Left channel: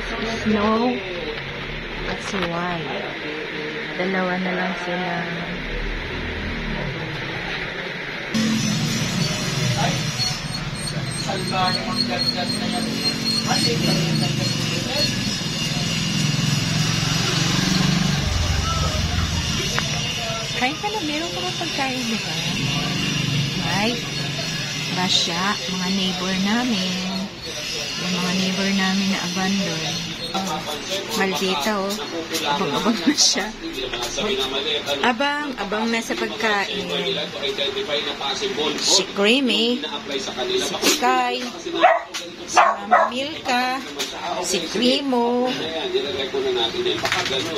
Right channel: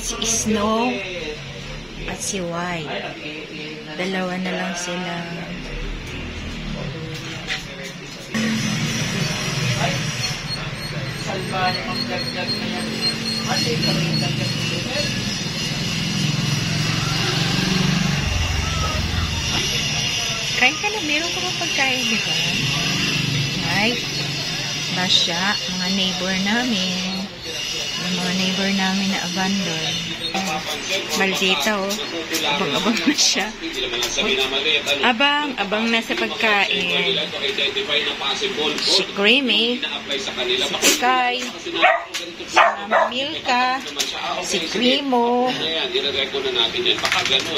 Si Snow at si White. Dalawa na lang sila. Kain ka na, meron ka pa pagkain, di ba? Ay, Basya, mga neighbor namin. Yung mga neighbor namin na abandon. Maldita, oh. Abang-abang na siya. Abang na sa pagkain. Si Creamy, si Sky, si Mama Milka, si Cremo.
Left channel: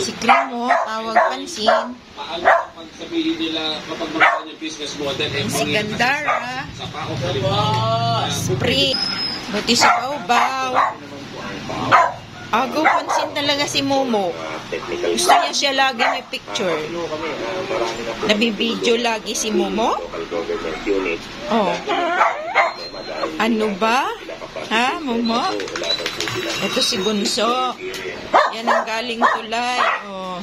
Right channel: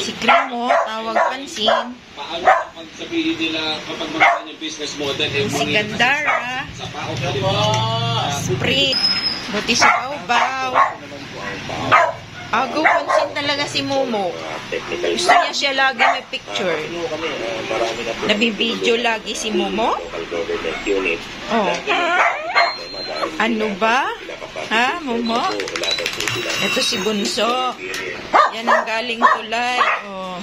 Si Cremo, tawag pansin. Si Gandara, Spring, buti si Bao-Bao. Agaw pansin talaga si Momo. Isaya siya lagi may picture. Nabibideo lagi si Momo. Oh. Ano ba? Ha, Momo? Ito si Bunso. Yan ang galing tulay. Oh.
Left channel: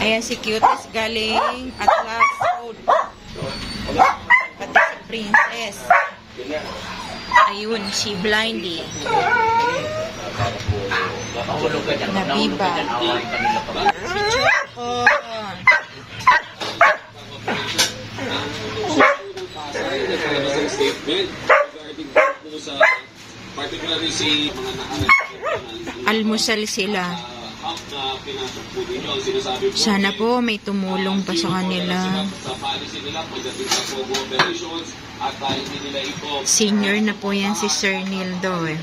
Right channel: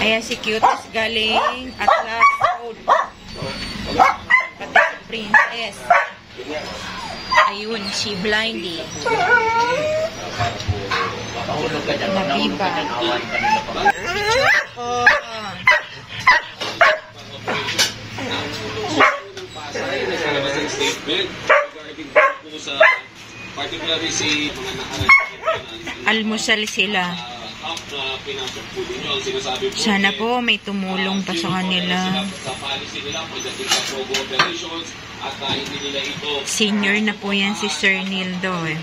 Ayan si Cuties galing Atlas Road. Pati si Princess. Ayun, si Blindy. Nabiba. Oh. Almusal sila. Sana po may tumulong pa sa kanila. Senior na po yan si Sir Nildo eh.